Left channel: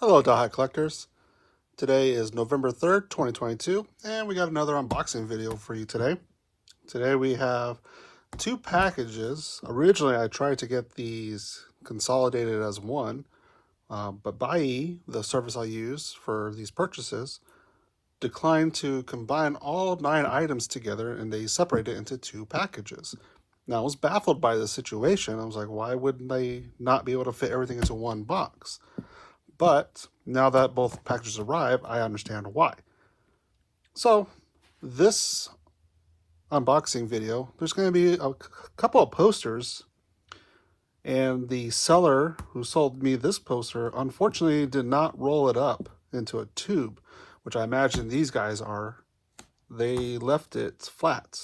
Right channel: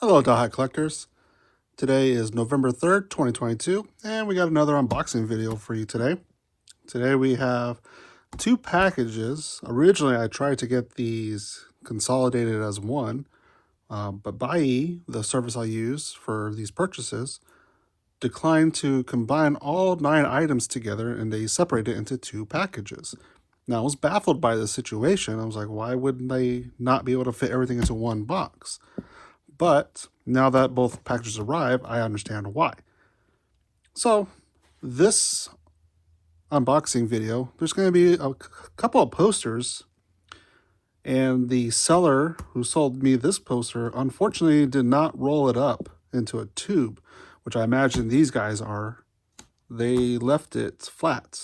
Hello, Dothack Collectors. Today is November 3rd, 2022, and we got another unboxing video for you today. Today we have two packages. Originally, I tried to get these consolidated as one, but Bai, the service I use for these purchases, declined to combine all 9 items together, and they separated it into two packages. Now, I was baffled by the situation. I was like, why wouldn't they not be able to fit everything into one box? But now that both packages arrive, I understand why. So this unboxing video, there's going to be a couple of posters, and the seller who sold me this poster unfortunately did not roll it up into a tube, which I imagine these guys are. They left it flat.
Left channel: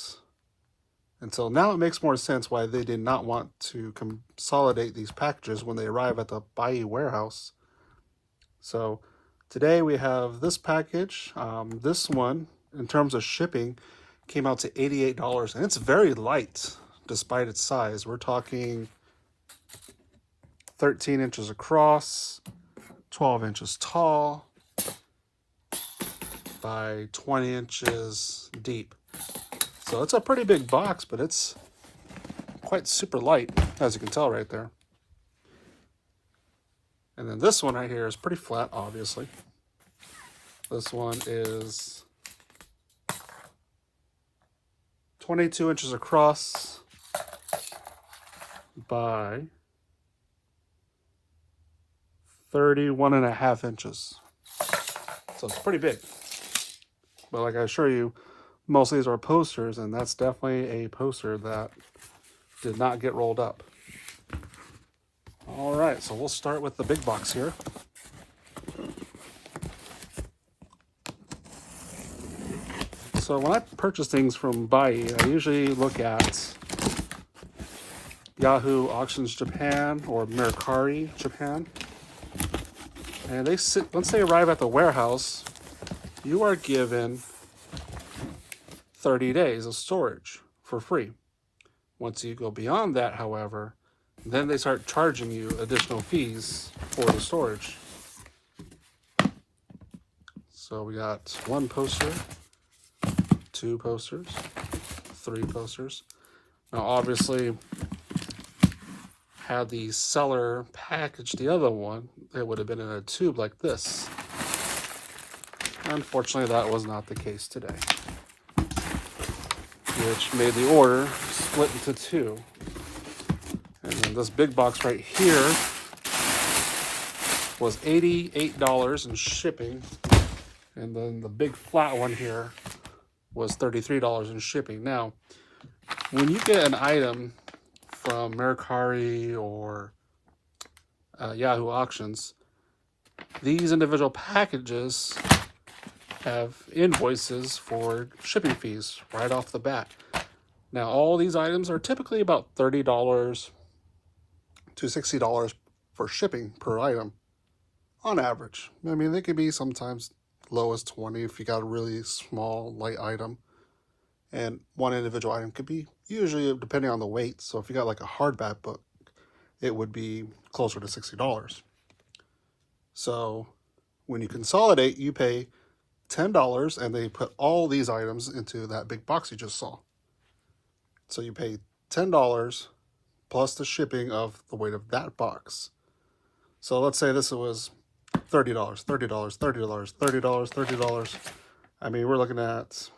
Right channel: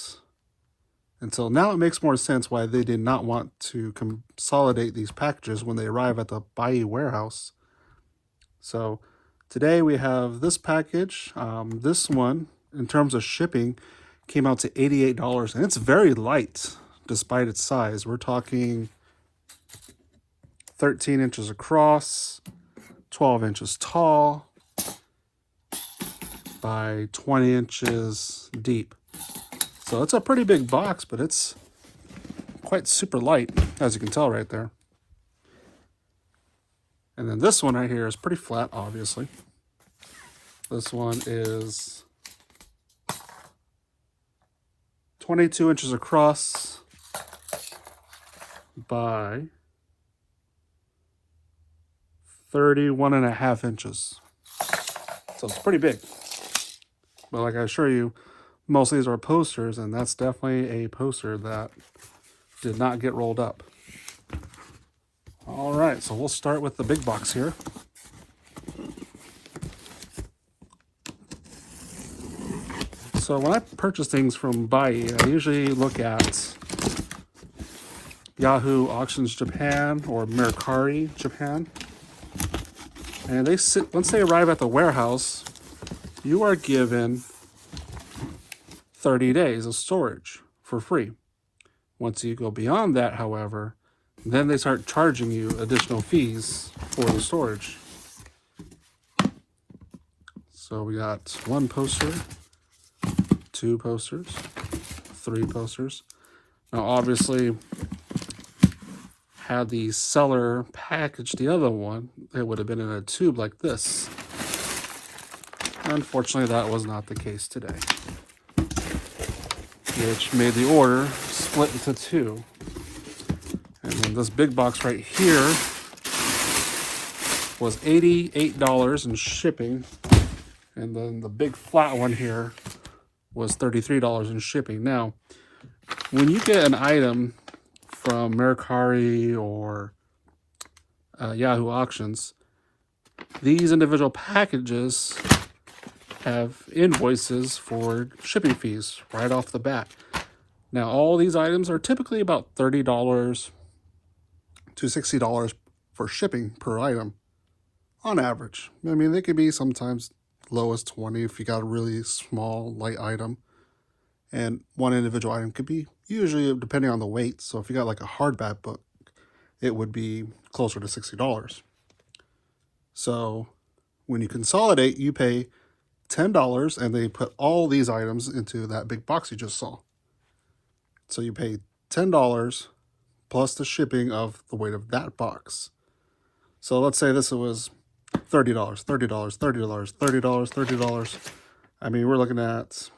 And so now it makes more sense why they did not want to consolidate these packages when they arrive at the Bai warehouse. So today we have this package. This one, in terms of shipping, came out to $88, and it's very light despite its size. We're talking 13 inches across, 12 inches tall, by 20 inches deep. So it's a pretty big box, but it's quite super light, as you can tell right there. And then this one right here is pretty flat, obviously. This one is 22 inches across by 31.5 inches. So it's pretty big. But like I assure you, most of these are posters, and that's definitely a poster that did not get rolled up. All right, so we'll start with the big box here. So when I purchase things from Bai, I usually look at Yahoo Auctions Japan or Mercari Japan. And once they arrive at the warehouse, you are given 30 days of storage for free. Once you go beyond that, however, then they start charging you additional fees for the storage. So we got one poster, two posters, three posters. Now obviously, had the seller packaged the other one, it would have been in a tube like this. Unfortunately, that was not the case today, which made the order split into two. This big box right here was $88 in shipping, and then the big flat one here was $33 in shipping. Now, when you get an item from Mercari or Yahoo Auctions, these individual packages have invoices for shipping fees right off the bat. Now, all these items are typically about $30 to $60 for shipping per item on average. I mean, they could be sometimes low as 20 if you got a really small, light item. And one individual item could be usually depending on the weight. So if you got like a hardback book, it would be closer to $60. So when you consolidate, you pay $10 and they put all these items into that big box you just saw. So you pay $10 plus the shipping of the weight of that box. So let's say this was $30, $30, $30, $30, $30. I mean, we're looking at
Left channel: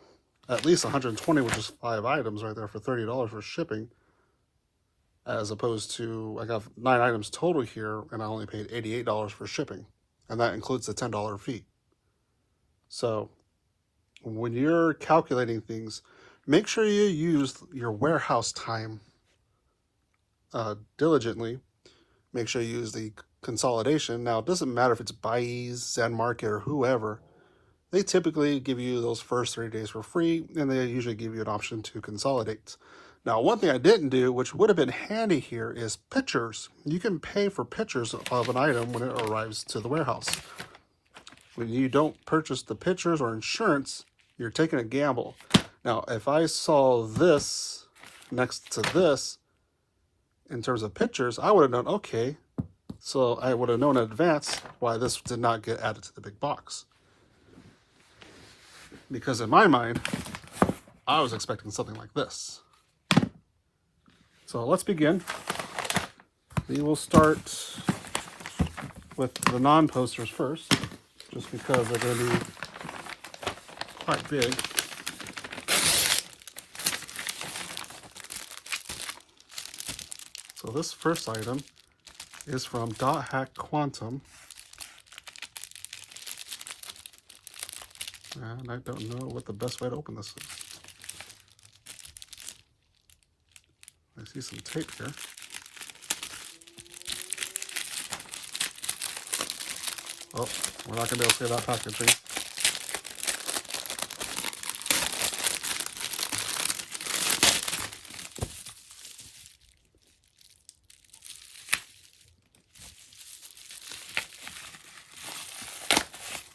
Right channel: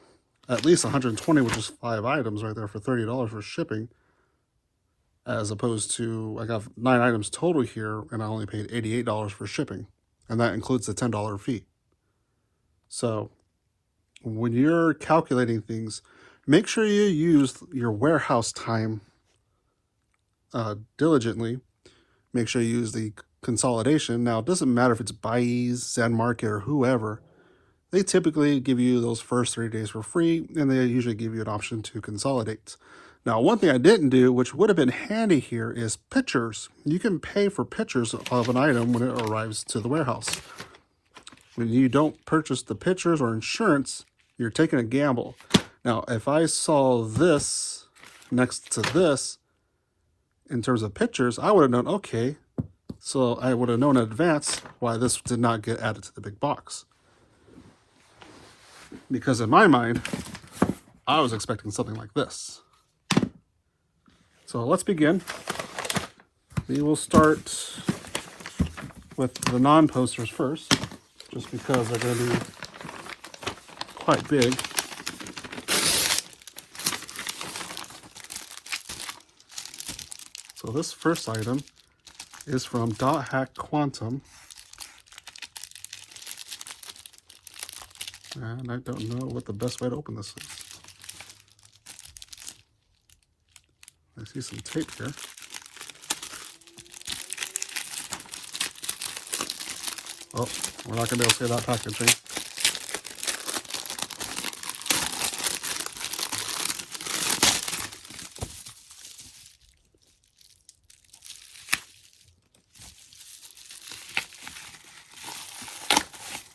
least 120, which is 5 items right there for $30 for shipping, as opposed to, I have 9 items total here, and I only paid $88 for shipping, and that includes the $10 fee. So when you're calculating things, make sure you use your warehouse time diligently. Make sure you use the consolidation. Now, it doesn't matter if it's Bai's, Zen Market, or whoever. They typically give you those first 3 days for free, and they usually give you an option to consolidate. Now, one thing I didn't do, which would have been handy here, is pictures. You can pay for pictures of an item when it arrives to the warehouse. When you don't purchase the pictures or insurance, you're taking a gamble. Now, if I saw this next to this, in terms of pictures, I would have known, okay, So I would have known in advance why this did not get added to the big box. Because in my mind, I was expecting something like this. So let's begin. We will start with the non-posters first, just because they're going to be quite big. So this first item is from Dothack Quantum. And I don't know what the best way to open this is. I see some tape here. Oh, we're not going to be able to see that packaging.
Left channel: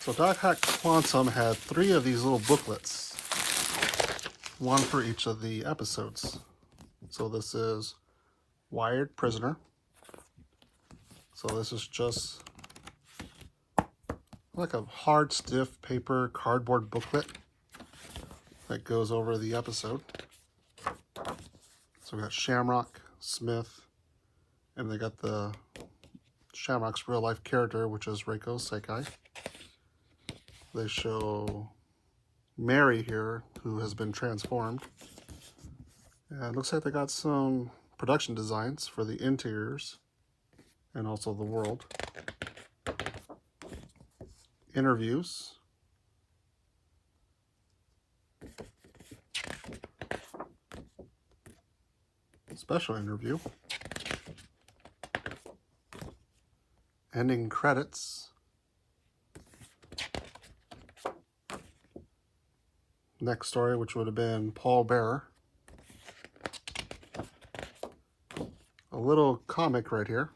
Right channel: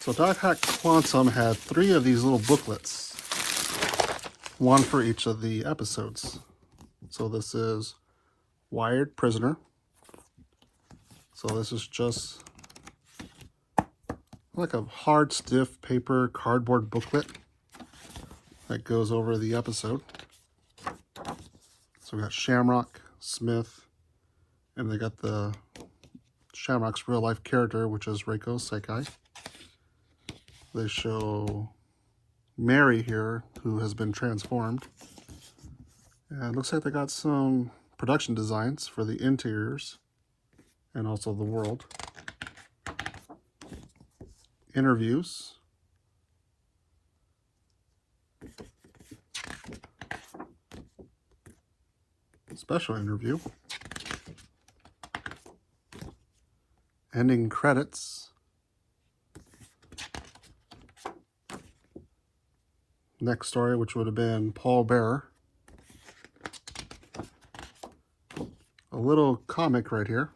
So Dothack Quantum had 3 of these little booklets, one for each of the episodes. So this is Wired Prisoner. So this is just like a hard, stiff paper cardboard booklet that goes over the episode. So we got Shamrock, Smith, and they got the Shamrock's real life character, which is Reiko Sekai. They show Mary here, who has been transformed. And it looks like they got some production designs for the interiors and also the world. Interviews. Special interview. Ending credits. Next story, which would have been Paul Bearer. A little comic right here.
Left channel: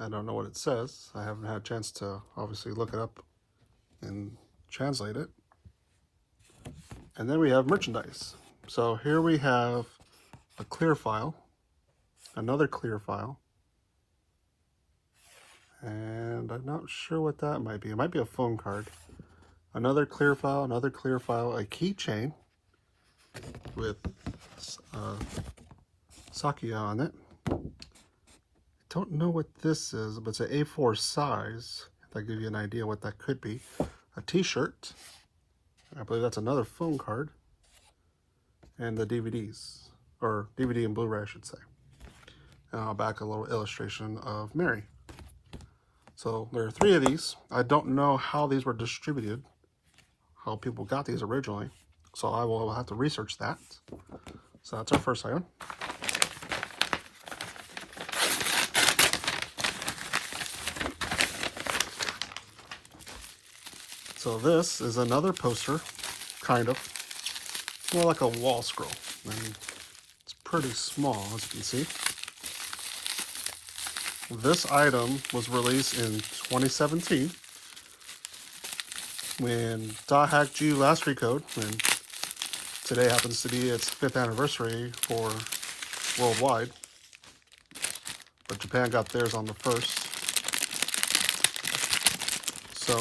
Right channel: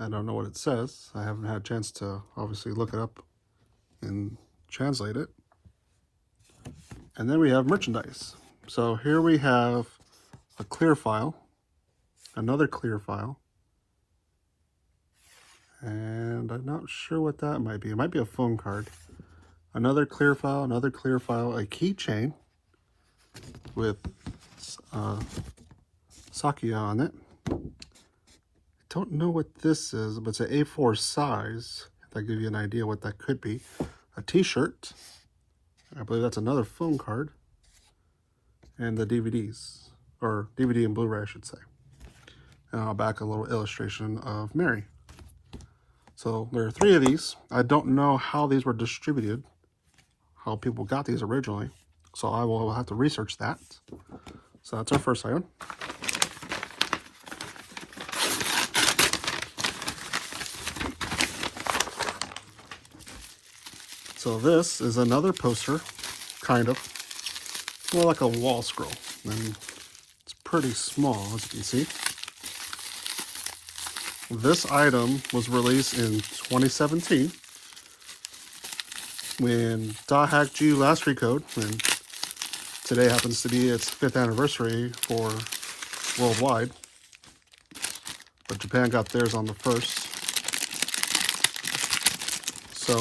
I don't know what it says. I haven't had a chance to obviously look it up and translate it. And then we have merchandise. So here we have a clear file, another clear file, and I'm not sure what that might be. It might be a phone card. Another clear file, a keychain with Sakia on it. Don't know what this is, but it's an A4 size. If I give you an idea what that could be. A t-shirt. I believe that's another phone card. And the DVDs. Or DVD and Blu-ray, I should say. And I'll back a little illustration of Mary. So there are 3 of these. I don't know how these were distributed. How people got these originally. So I will have to research that. So that's our first item. So this is another poster, kind of. More like a Wallscroll. And it's pretty small, as you can see. This item was released in 2017 when Dothack GOO last Recode, and today happens to be its 5th anniversary for worldwide. But Japan got theirs on the 1st. So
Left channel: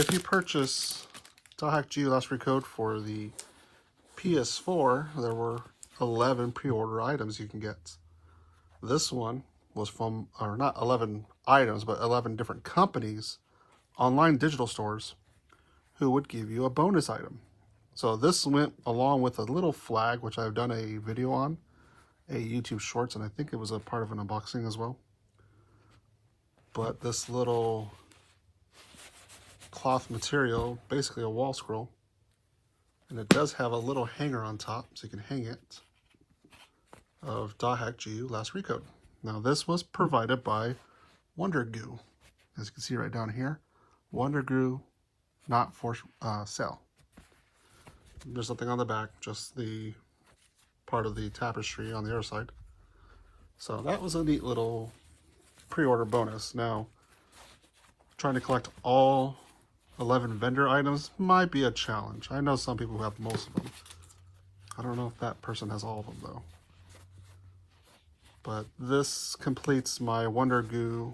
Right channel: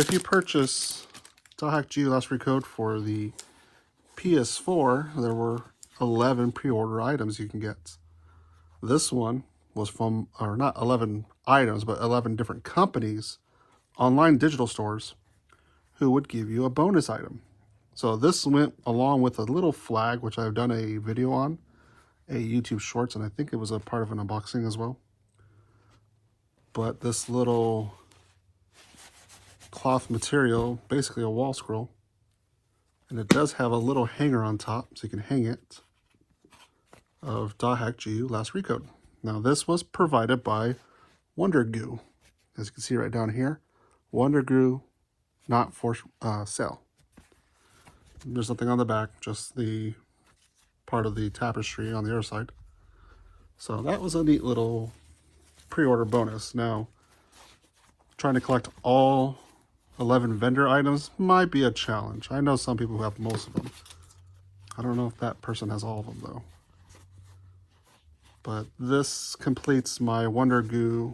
if you purchase Dothack GOO last Recode for the PS4, there were 11 pre-order items you can get. This one was from, or not 11 items, but 11 different companies, online digital stores, who would give you a bonus item. So this went along with a little flag, which I've done a video on, a YouTube Shorts, and I think it was a part of an unboxing as well. But this little cloth material, basically a Wallscroll, and it does have a little hanger on top, so you can hang it, of Dothack GOO last Recode. Now this was provided by WonderGOO, as you can see right down here. WonderGOO, not for sale. There's nothing on the back, just the part of the tapestry on the other side. So that was a neat little pre-order bonus. Now, trying to collect all 11 vendor items might be a challenge. I know some people who have most of them. I don't know if that person has all of them though. But this completes my WonderGOO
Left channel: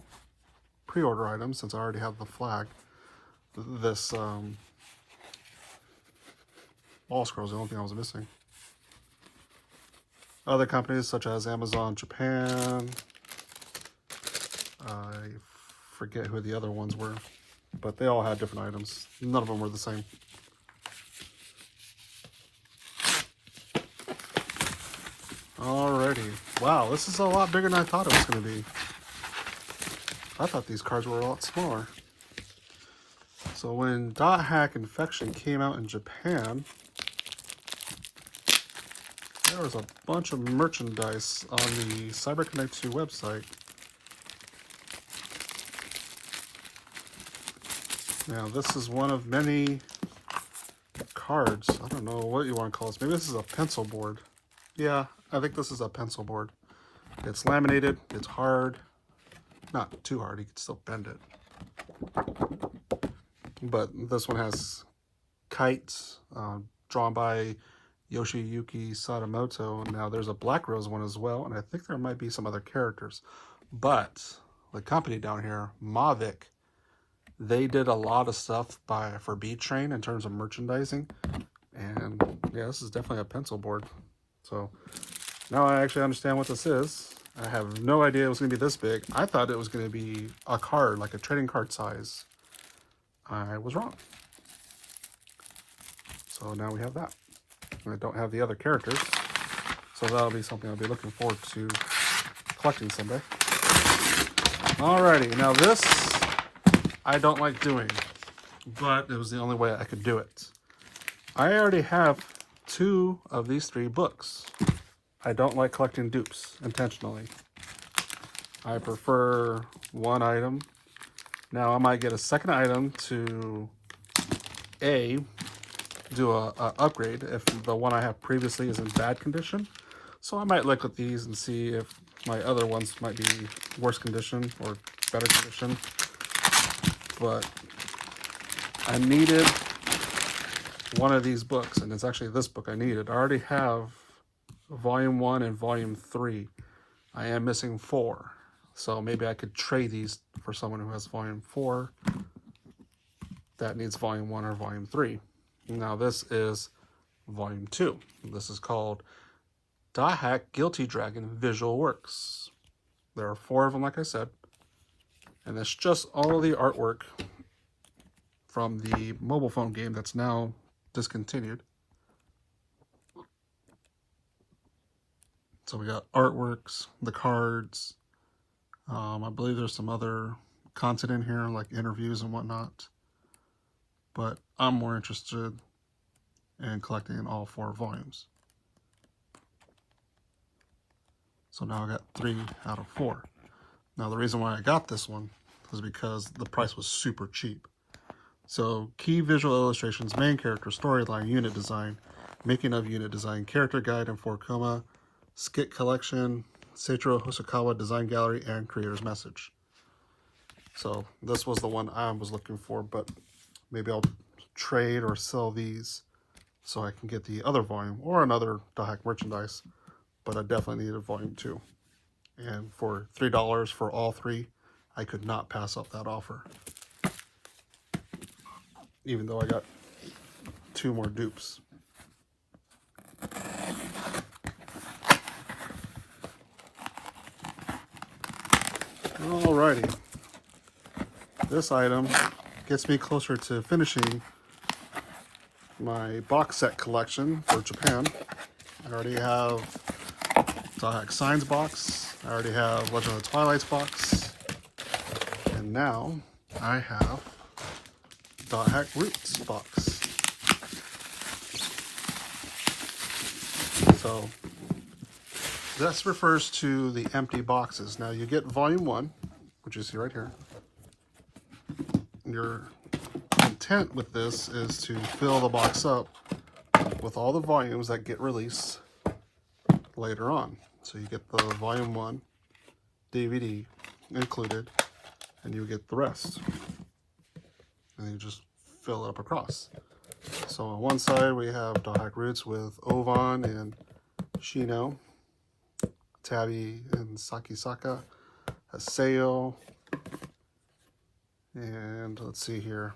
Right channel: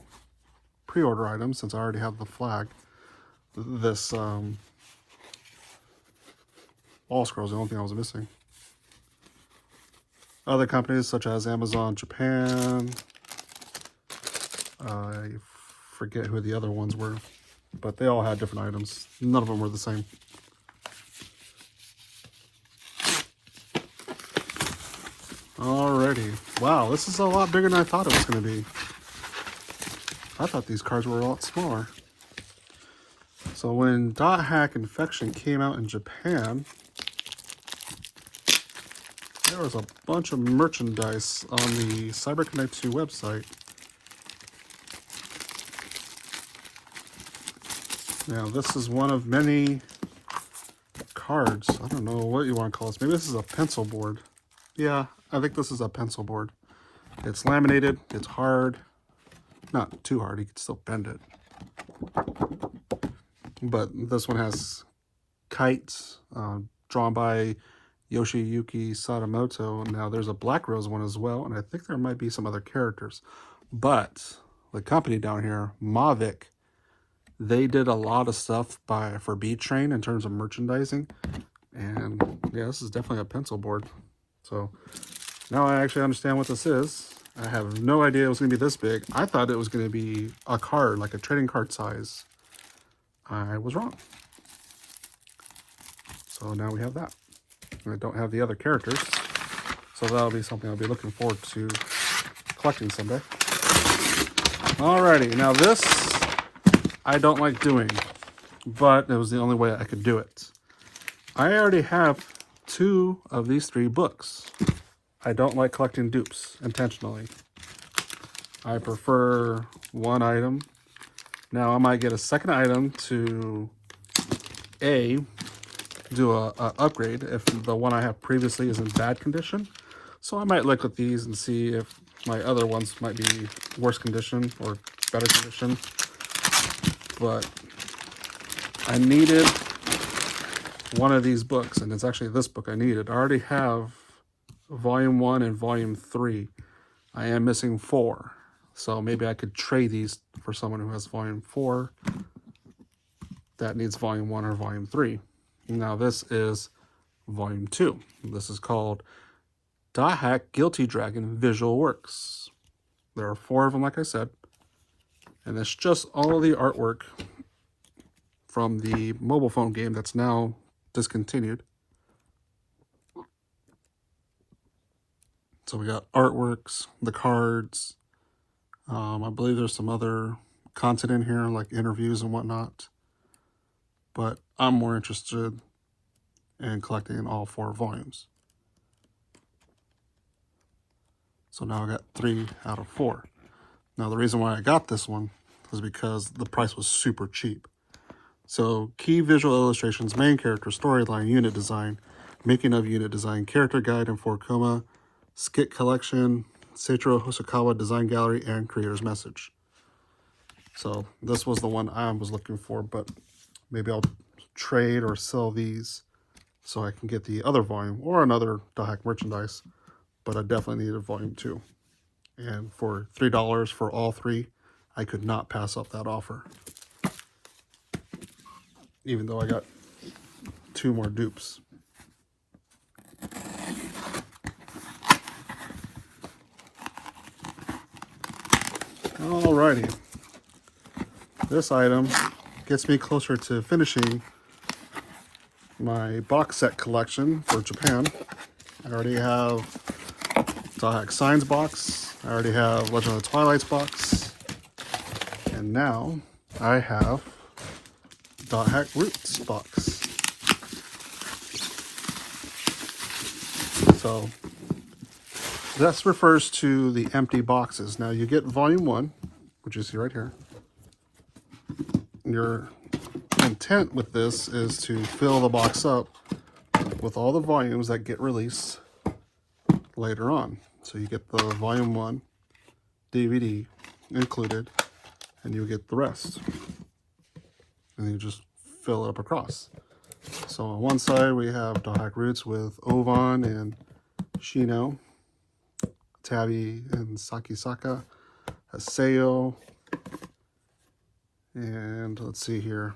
pre-order item, since I already have the flag. This Wallscroll is the only thing I was missing. Other companies such as Amazon Japan, I forget who the other ones were, but they all had different items. None of them were the same. Alrighty. Wow, this is a lot bigger than I thought it was going to be. I thought these cards were a lot smaller. So when Dothack Infection came out in Japan, there was a bunch of merchandise on the CyberConnect 2 website. Now this is one of many cards. I don't know what you want to call this. Maybe this is a pencil board. Yeah, I think this is a pencil board. It's laminated, it's hard. Not too hard, you can still bend it. But this one has kites, drawn by Yoshiyuki Sadamoto. Now there's a Black Rose one as well, and I think there might be some other characters. But the company down here, Mavic, they did a lot of stuff for Beat Train in terms of merchandising. And yeah, this is definitely a pencil board. So now I actually understand what this is. I have no idea it was going to be this big. I thought it was going to be a card, like a trading card size. I was wrong. So now we have that. I don't have the other characters, so that'll be something I'll be looking forward to collecting someday. Alrighty, now this I don't like doing, but it was the only way I could do it. I already have 2 of these 3 books. I don't like collecting dupes intentionally. I prefer one item. Now I might get a second item to do a upgrade if the one I have previously is in bad condition. So I might look at these and see if my other ones might be worse condition or better condition. But I needed one of these books, and it's actually this book I needed. I already have Volume 1 and Volume 3. I am missing 4. So maybe I could trade these for someone who has Volume 4 that needs Volume 1 or Volume 3. Now this is Volume 2. This is called Dothack Guilty Dragon Visual Works. There are 4 of them, like I said. And it's just all the artwork from the mobile phone game that's now discontinued. So we got artworks, the cards. I believe there's some other content in here, like interviews and whatnot. But I'm more interested in collecting all 4 volumes. So now I got 3 out of 4. Now the reason why I got this one is because the price was super cheap. So key visual illustrations, main character, storyline, unit design, making of unit design, character guide and 4 coma, skit collection, Seiichiro Hosokawa design gallery, and creator's message. So this was the one I was looking for, but maybe I'll trade or sell these so I can get the other volume or another Dothack merchandise. But I definitely needed Volume 2. And for $3 for all 3, I could not pass up that offer. Even though I got 2 more dupes. Alrighty. This item gets me closer to finishing my box set collection for Japan. I already have Dothack Signs box. I already have Legend of the Twilights box. And now I have Dothack Roots box. So this refers to the empty boxes. Now you get Volume 1, which you see right here. Your intent with this is to fill the box up with all the volumes that get released later on. So you get the Volume 1 DVD included, and you get the rest. And you just fill it up across. So on one side we have Dothack Roots with Ovan and Shino, Tabi and Sakisaka, Haseo, and let's see here.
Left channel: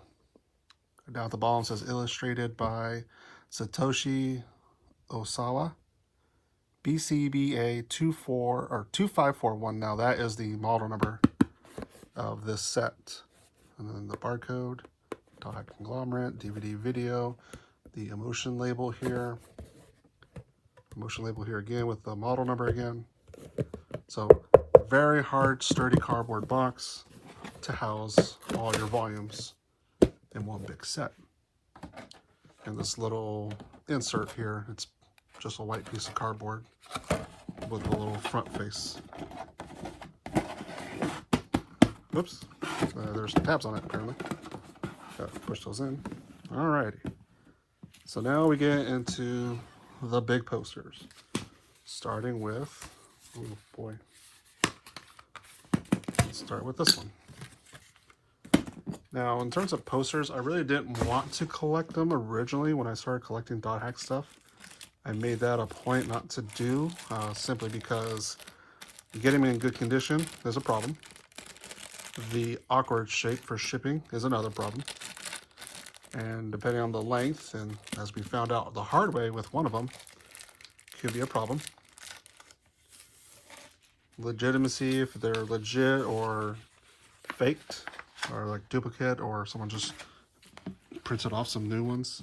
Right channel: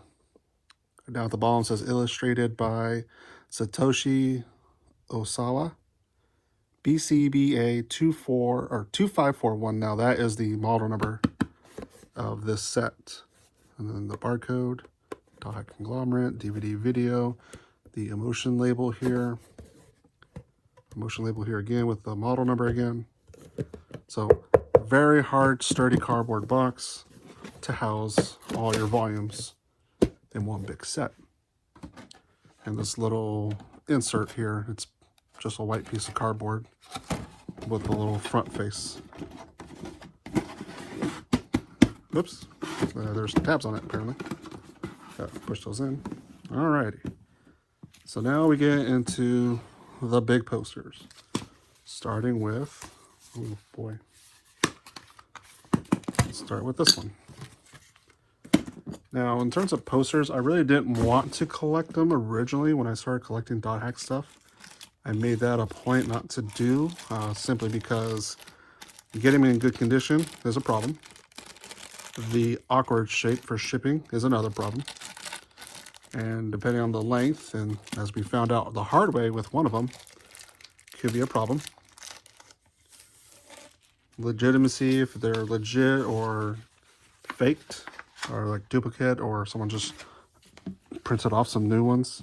Down at the bottom it says illustrated by Satoshi Osawa, BCBA 2541. Now that is the model number of this set. And then the barcode, Dothack conglomerate, DVD video, the emotion label here. Emotion label here again with the model number again. So very hard, sturdy cardboard box to house all your volumes in one big set. And this little insert here, it's just a white piece of cardboard with a little front face. Oops, there's some tabs on it apparently. Got to push those in. Alrighty. So now we get into the big posters. Starting with, oh boy. Let's start with this one. Now, in terms of posters, I really didn't want to collect them originally when I started collecting Dothack stuff. I made that a point not to do, simply because getting them in good condition is a problem. The awkward shape for shipping is another problem. And depending on the length, and as we found out the hard way with one of them, could be a problem. Legitimacy, if they're legit or faked, or like duplicate, or someone just printed off some new ones,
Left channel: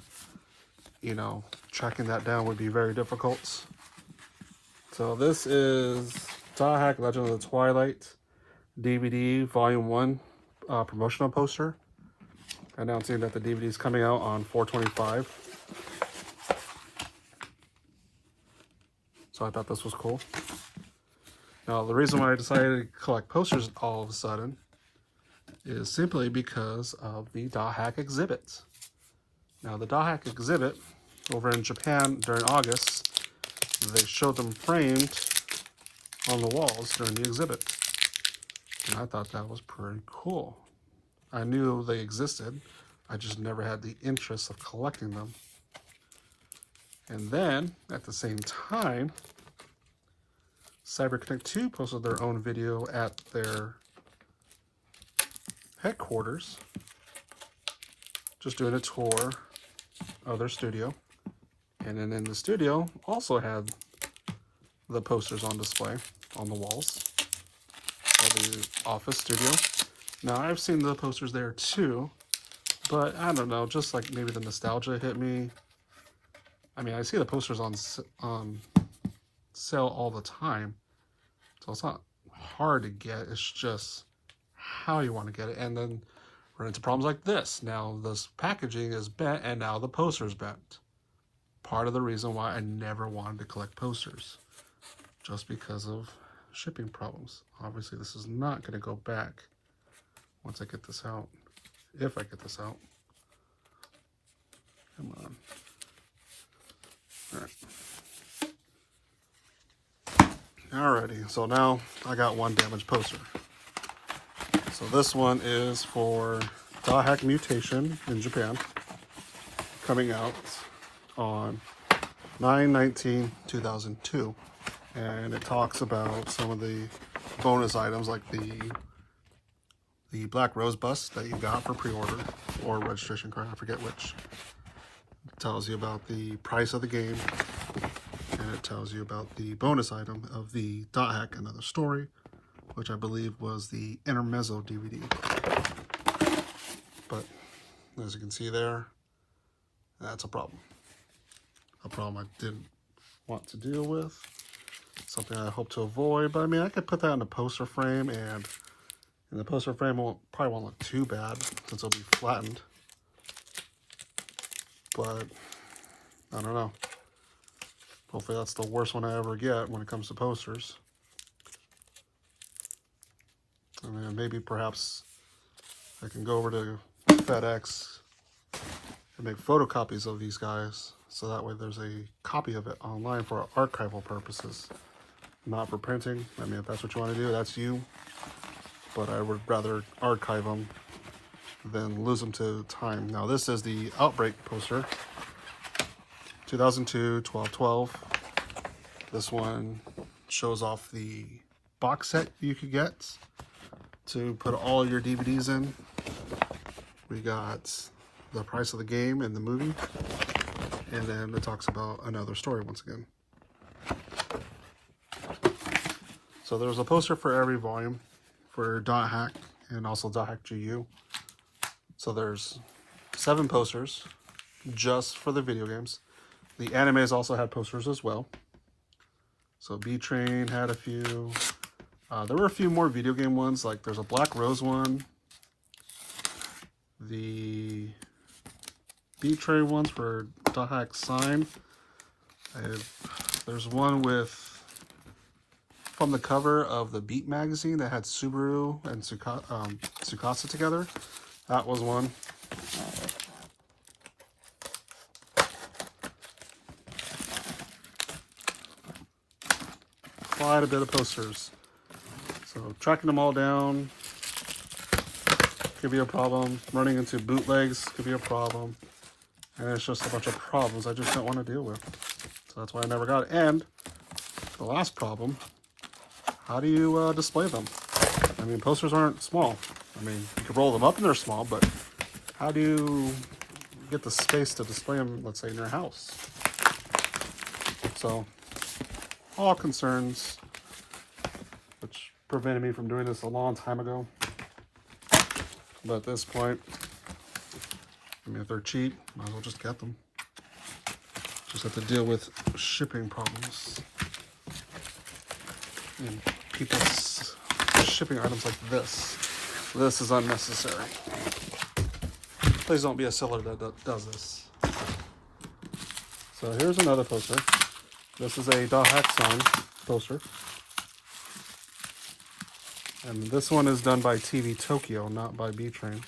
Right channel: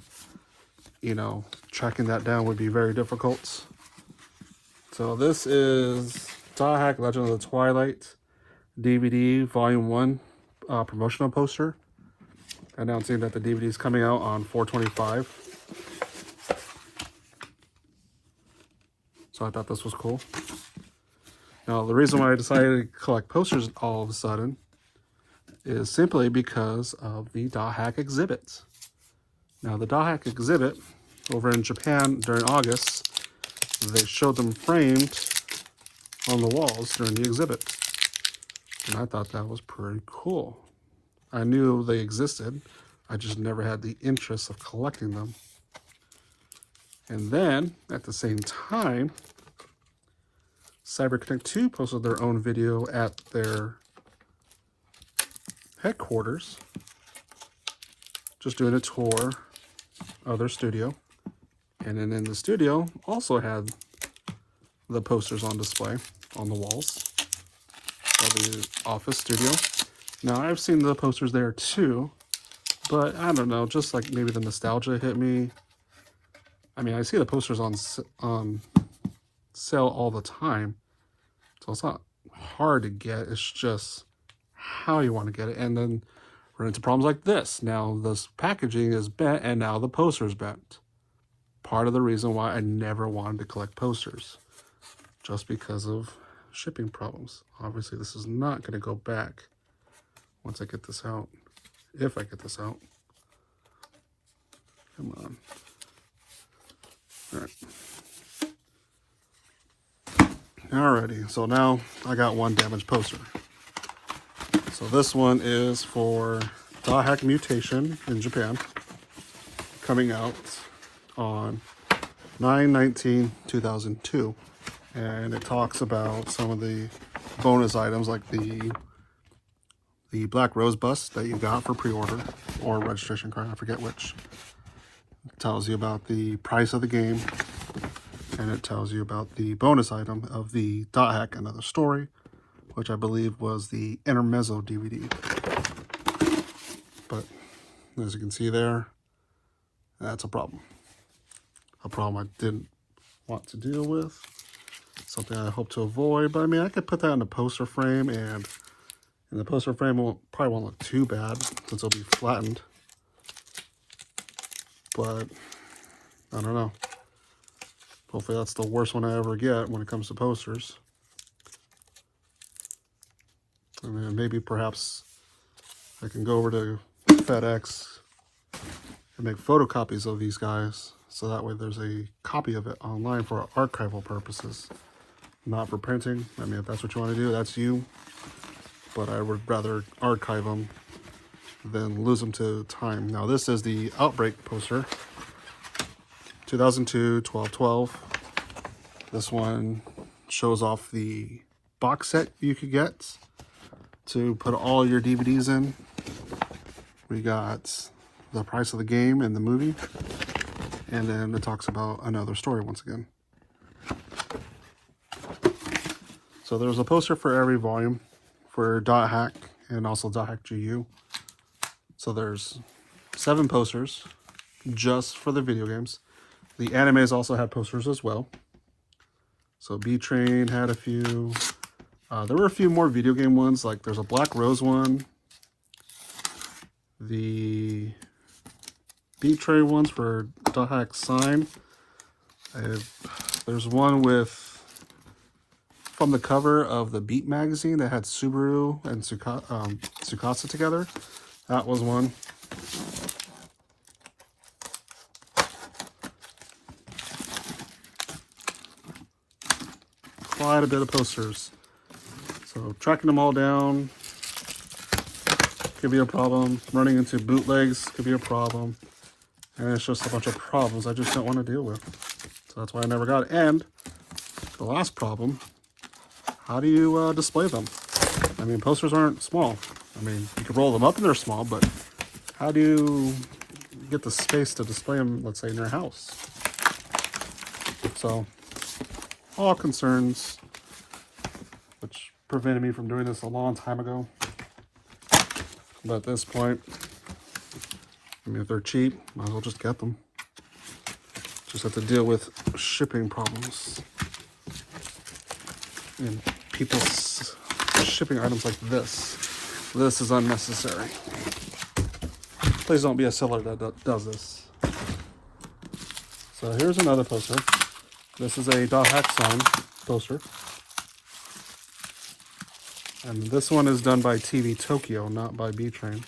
you know, tracking that down would be very difficult. So this is Dothack Legend of the Twilight DVD Volume 1 promotional poster, announcing that the DVD is coming out on 4/25. So I thought this was cool. Now, the reason why I decided to collect posters all of a sudden is simply because of the Dothack exhibit. Now, the Dothack exhibit over in Japan during August, they showed them framed on the walls during the exhibit. And I thought that was pretty cool. I knew they existed. I just never had the interest of collecting them. And then, at the same time, CyberConnect 2 posted their own video at their headquarters, just doing a tour of their studio. And then in the studio, also had the posters on display on the walls of the office studio. Now, I've seen the posters there too, but I don't know, just like maybe the nostalgia hit me. I mean, I see the posters on sale all the time, so it's not hard to get. It's just how you want to get it. And then run into problems like this. Now this packaging is bent, and now the poster is bent. Part of the reason why I never wanted to collect posters, just because of shipping problems. Obviously, this is not going to go back once I get this out, if I get this out. Come on. All right. Alrighty, so now I got one damaged poster. So this one is for Dothack Mutation in Japan, coming out on 9/19/2002, and it talks about some of the bonus items like the black rose bust that you got for pre-order or registration card, I forget which. It tells you about the price of the game, and it tells you about the bonus item of the Dothack Another Story, which I believe was the Intermezzo DVD. But as you can see there, that's a problem. A problem I didn't want to deal with. Something I hope to avoid. But I mean, I could put that in the poster frame, and the poster frame probably won't look too bad since it'll be flattened. But I don't know. Hopefully that's the worst one I ever get when it comes to posters. And then maybe perhaps I can go over to FedEx and make photocopies of these guys, so that way there's a copy of it online for archival purposes, not for printing. I mean, if that's what you want to do, that's you. But I would rather archive them than lose them to time. Now, this is the Outbreak poster, 2002, 12/12. This one shows off the box set you could get to put all your DVDs in. We got the price of the game and the movie, and then it talks about another story once again. So there's a poster for every volume for Dothack and also Dothack GU. So there's 7 posters just for the video games. The animes also had posters as well. So B-Train had a few. There were a few more video game ones, like there's a Black Rose one. The B-Train ones for Dothack Sign. There's one with, from the cover of the Beat magazine that had Subaru and Tsukasa together. That was one. Quite a bit of posters. So tracking them all down could be a problem. Running into bootlegs could be a problem. And it's just a bunch of problems I just don't want to deal with. So that's why I never got it. And the last problem, how do you display them? I mean, posters aren't small. I mean, you can roll them up and they're small, but how do you get the space to display them, let's say, in your house? So, all concerns, which prevented me from doing this a long time ago. But at this point, I mean, if they're cheap, might as well just get them. Just have to deal with shipping problems. And people's shipping items like this. This is unnecessary. Please don't be a seller that does this. So here's another poster. This is a Dothack Sign poster. And this one is done by TvTokyo, not by B-Train.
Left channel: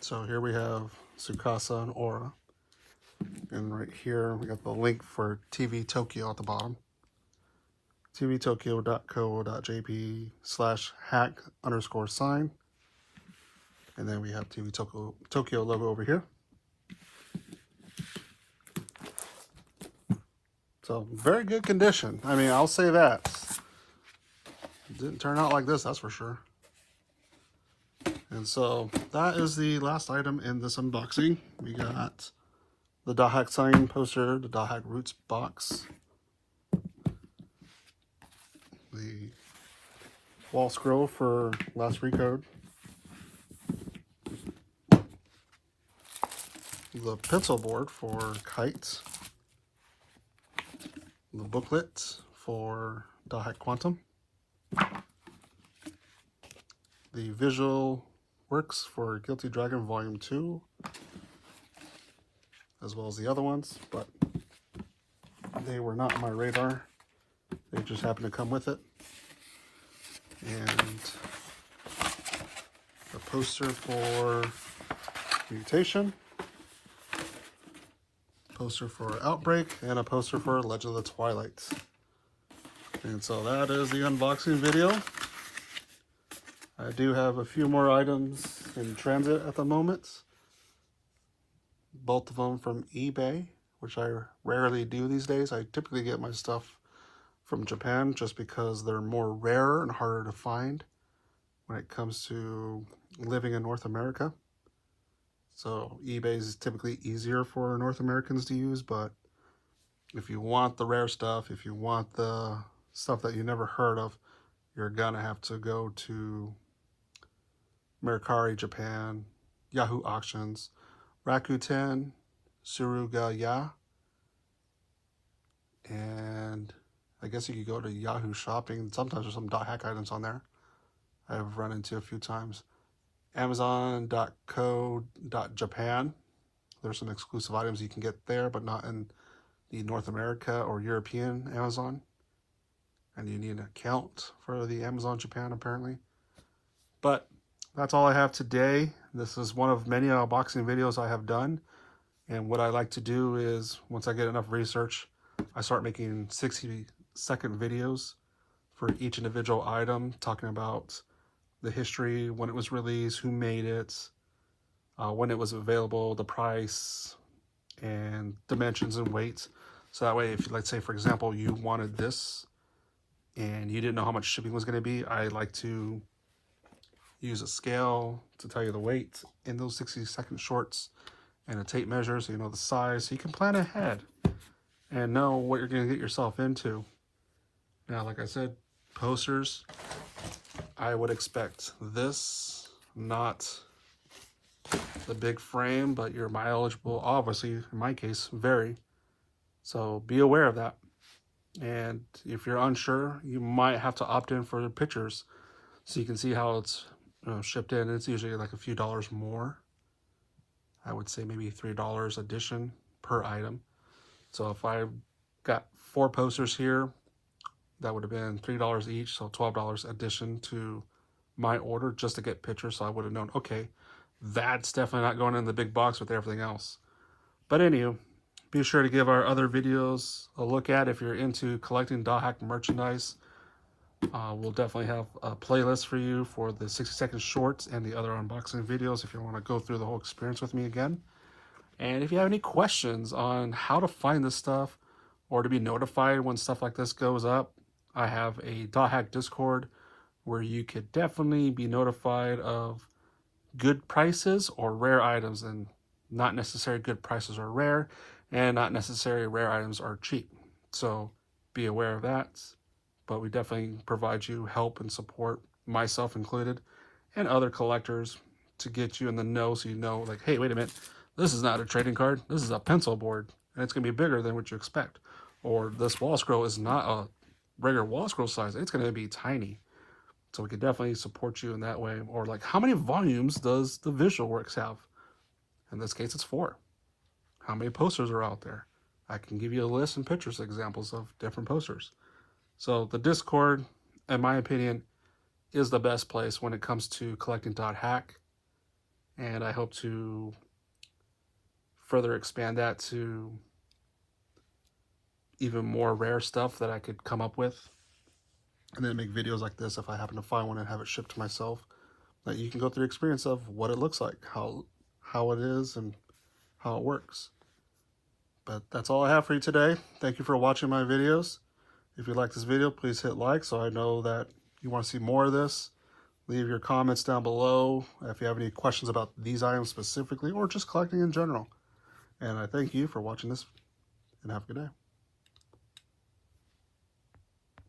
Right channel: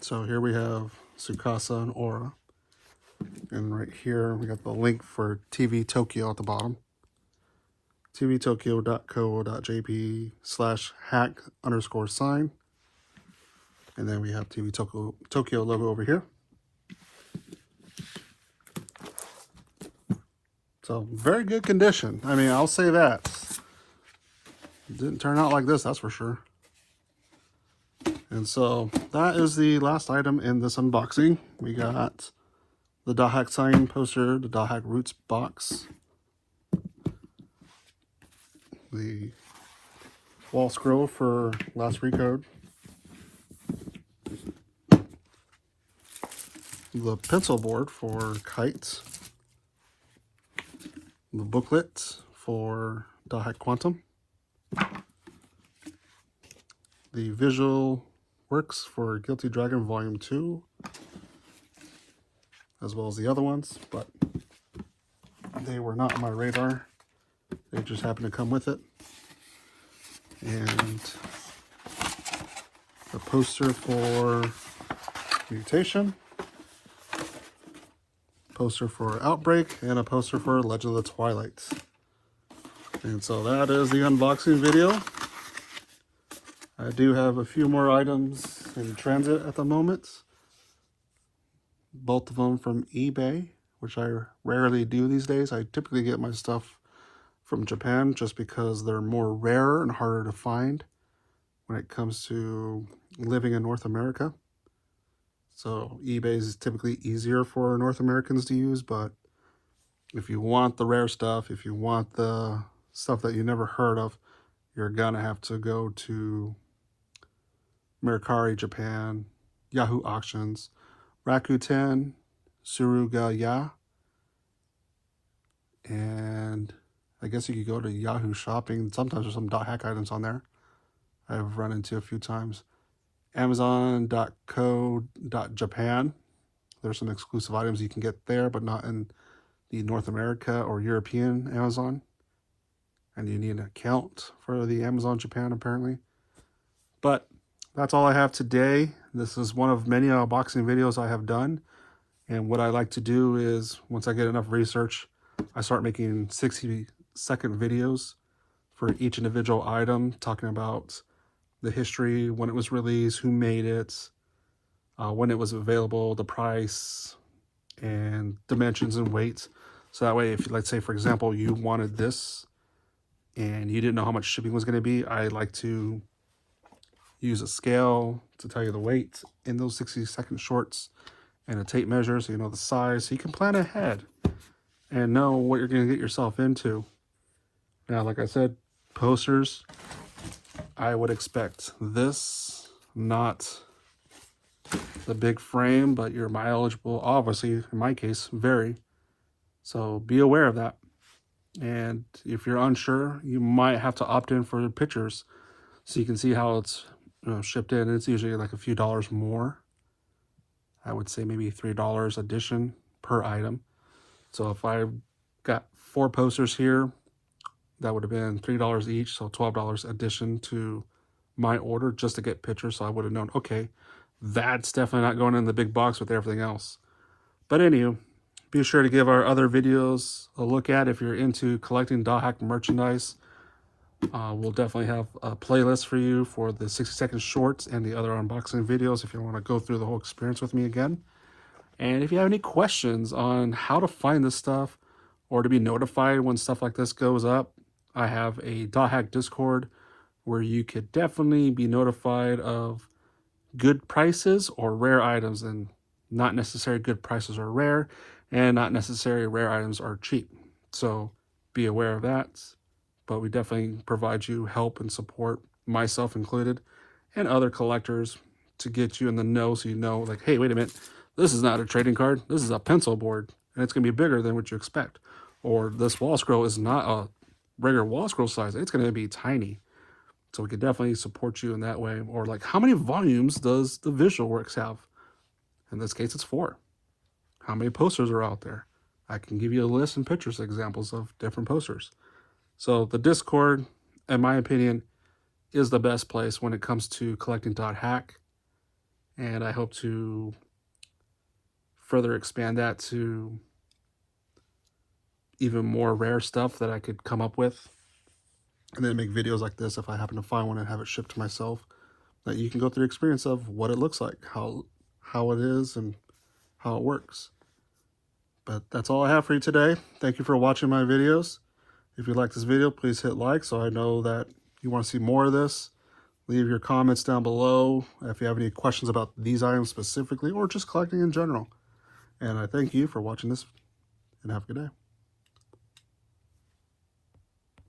So here we have Tsukasa and Aura. And right here we got the link for TvTokyo at the bottom. tvtokyo.co.jp/hack_sign. And then we have TvTokyo logo over here. So very good condition. I mean, I'll say that. It didn't turn out like this, that's for sure. And so that is the last item in this unboxing. We got the Dothack Sign poster, the Dothack Roots box, the Wallscroll for Last Recode, the pencil board for Kite, the booklet for Dothack Quantum, the visual works for Guilty Dragon Volume 2, as well as the other ones, but they were not on my radar. They just happened to come with it. And a poster for Mutation, poster for Outbreak, and a poster for Legend of the Twilight. And so that is the unboxing video. I do have a few more items in transit at the moment. Both of them from eBay, which I rarely do these days. I typically get my stuff from Japan just because they're more rare and harder to find when it comes to living in North America. So eBay is typically easier for North Americans to use, but if you want the rare stuff, if you want the stuff that you never heard of, you're gonna have to go to Mercari, Japan, Yahoo Auctions, Rakuten, Surugaya, and I guess you could go to Yahoo Shopping. Sometimes there's some Dothack items on there I've run into a few times. Amazon.co.japan. There's some exclusive items you can get there, but not in the North America or European Amazon. And you need an account for the Amazon Japan, apparently. But that's all I have today. This is one of many unboxing videos I have done. And what I like to do is, once I get enough research, I start making 60-second videos for each individual item, talking about the history, when it was released, who made it, when it was available, the price, and dimensions and weights. So that way, if, let's say, for example, you wanted this and you didn't know how much shipping was going to be, I like to use a scale to tell you the weight in those 60-second shorts and a tape measure so you know the size, so you can plan ahead and know what you're going to get yourself into. Now, like I said, posters, I would expect this, not the big frame, but your mileageable, obviously, in my case, vary. So be aware of that. And if you're unsure, you might have to opt in for pictures so you can see how it's shipped in. It's usually like a few dollars more. I would say maybe $3 addition per item. So if I got 4 posters here, that would have been $3 each, so $12 addition to my order just to get pictures. So I would have known, okay, that's definitely not going in the big box with everything else. But anyway, be sure to give our other videos a look at if you're into collecting Dothack merchandise. We'll definitely have a playlist for you for the 60-second shorts and the other unboxing videos if you want to go through the whole experience with me again. And if you have any questions on how to find this stuff or to be notified when stuff like this goes up, I have a Dothack Discord where you could definitely be notified of good prices or rare items, and not necessarily good prices are rare and not necessarily rare items are cheap. So be aware of that. But we definitely provide you help and support, myself included, and other collectors to get you in the know so you know, like, hey, wait a minute, this is not a trading card. This is a pencil board, and it's going to be bigger than what you expect. Or this Wallscroll is not a regular Wallscroll size. It's going to be tiny. So we can definitely support you in that way. Or like, how many volumes does the Visual Works have? In this case, it's 4. How many posters are out there? I can give you a list and pictures examples of different posters. So the Discord, in my opinion, is the best place when it comes to collecting Dothack. And I hope to further expand that to even more rare stuff that I could come up with. And then make videos like this if I happen to find one and have it shipped to myself. That you can go through the experience of what it looks like, how it is, and how it works. But that's all I have for you today. Thank you for watching my videos. If you like this video, please hit like so I know that you want to see more of this. Leave your comments down below if you have any questions about these items specifically or just collecting in general. And I thank you for watching this, and have a good day.